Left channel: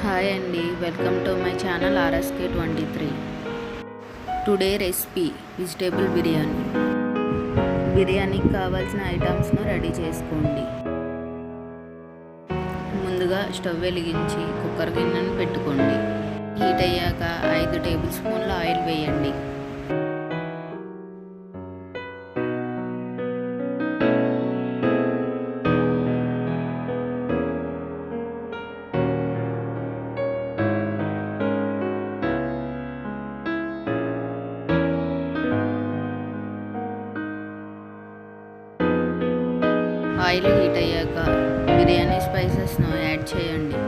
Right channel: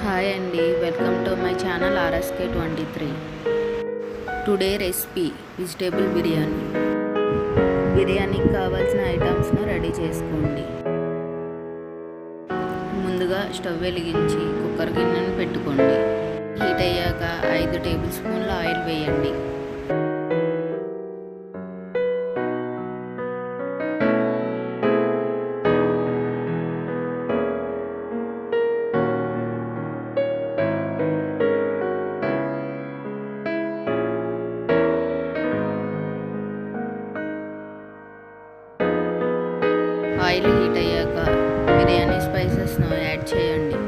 Hi అండి, welcome to my channel RSK23. Today recipe vegetable biryani. బిర్యానీకి కావాల్సిన ఐటమ్స్ను రెడీ చేసుకోండి. ముందుగా స్టవ్ వెలిగించి కుక్కర్ గిన్నెను పెట్టుకోండి. హీట్ అయ్యాక 5 టేబుల్ స్పూన్ల ఆయిల్ వేయండి. ఆయిల్ హీట్ అయ్యాక బిర్యానీ స్పైసెస్ను యాడ్ చేయండి.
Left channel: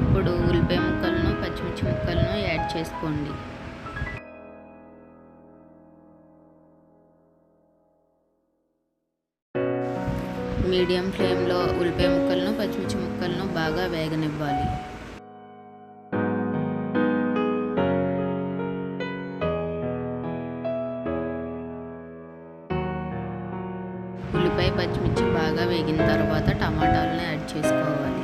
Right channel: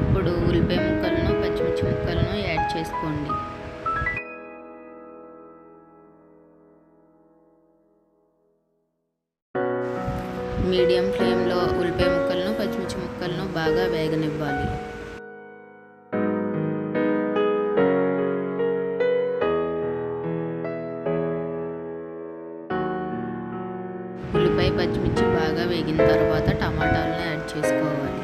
ఇప్పుడు ఉల్లిపాయ ముక్కలను, పచ్చిమిర్చి ముక్కలను యాడ్ చేసుకోండి. మీడియం ఫ్లేమ్లో ఉల్లిపాయ ముక్కలను, పచ్చిమిర్చి ముక్కలను బాగా వేగనివ్వాలి. ఉల్లిపాయ, పచ్చిమిర్చి బాగా వేగిన తర్వాత టమాటాలను యాడ్ చేసుకోవాలి.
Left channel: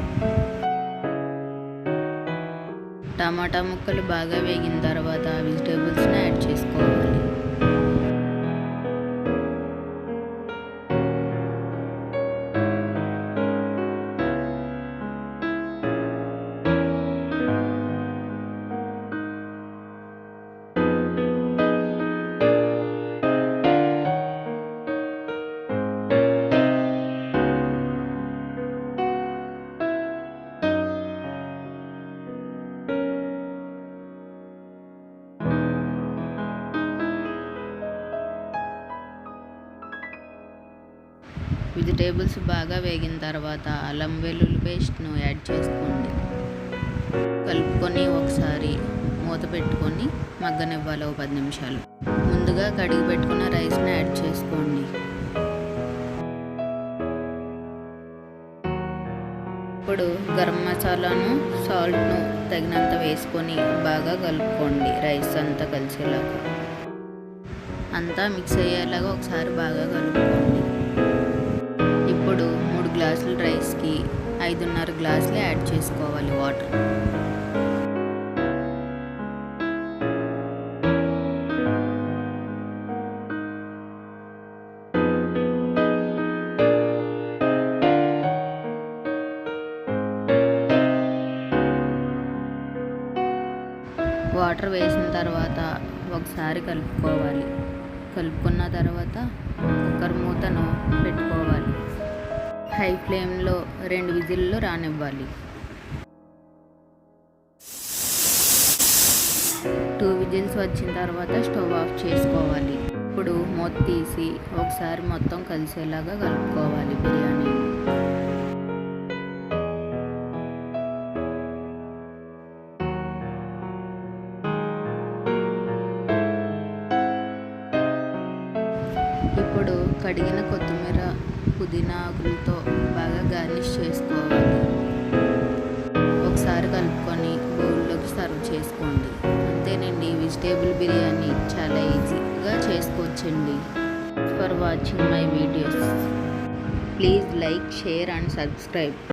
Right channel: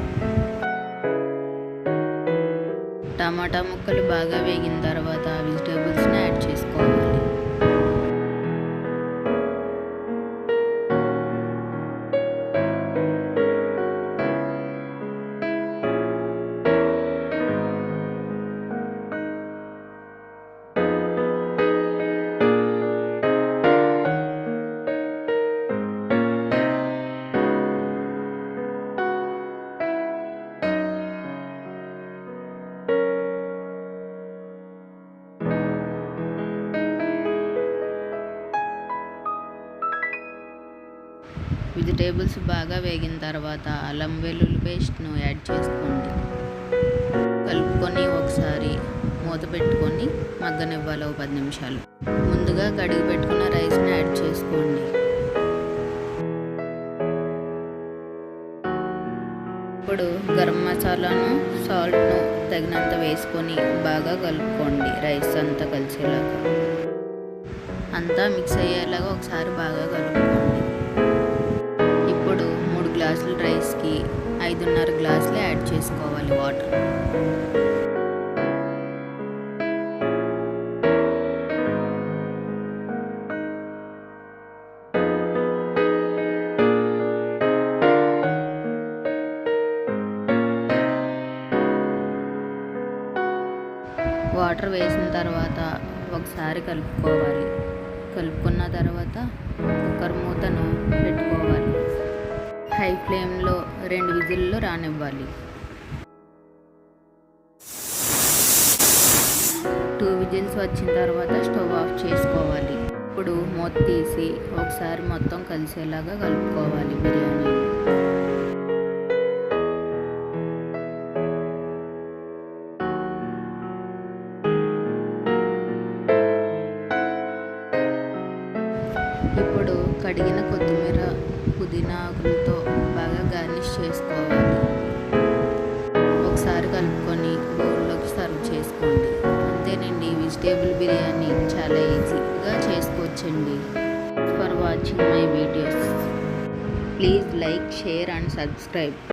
టమాటా ముక్కలు బాగా వేగిన తర్వాత వెజిటేబుల్స్ని యాడ్ చేసుకోవాలి. వెజిటేబుల్స్ బాగా వేగిన తర్వాత అల్లం వెల్లుల్లి పేస్ట్ను యాడ్ చేసుకోండి. కలుపుకొని ఒకసారి మూత పెట్టుకొని మగ్గనివ్వాలి 10 నిమిషాలు. ముందుగా కడిగి పెట్టుకున్న రైస్ని యాడ్ చేసుకోండి. ఇప్పుడు గరం మసాలాను, సాల్ట్ను తగినంత వేసుకొని బాగా కలుపుకోండి. రైస్ అంతా కలిసేలాగా అంతా మిక్స్ అయ్యేలాగా ఒకసారి బాగా కలుపుకోండి. ఇప్పుడు 3 గ్లాసుల రైస్కి 5.5 గ్లాసులు యాడ్ చేసుకోవాలి వాటర్. వాటర్ వేసిన తర్వాత ఒకసారి కలుపుకోవాలి. కలుపుకున్న తర్వాత కుక్కర్ మూతను పెట్టుకోవాలి. హై ఫ్లేమ్లో 2 విజిల్లు రానివ్వాలి. 2 విజిల్స్ వచ్చిన తర్వాత స్టవ్ ఆఫ్ చేసుకోవాలి. ఇప్పుడు మూత తీసి ఒకసారి మొత్తం కలిసేలాగా కలుపుకోవాలి బిర్యానీ. ఇప్పుడు కడిగిన కొత్తిమీర, పుదీనా ఆకులతో బాగా గార్నిష్ చేసుకోవాలి. ఒకసారి కలుపుకొని బౌల్లోకి సర్వ్ చేసుకోండి. అంతేనండి, వెజిటేబుల్ బిర్యానీ చాలా ఈజీగా చేసుకోవచ్చండి. For watching my videos, please like, share and subscribe.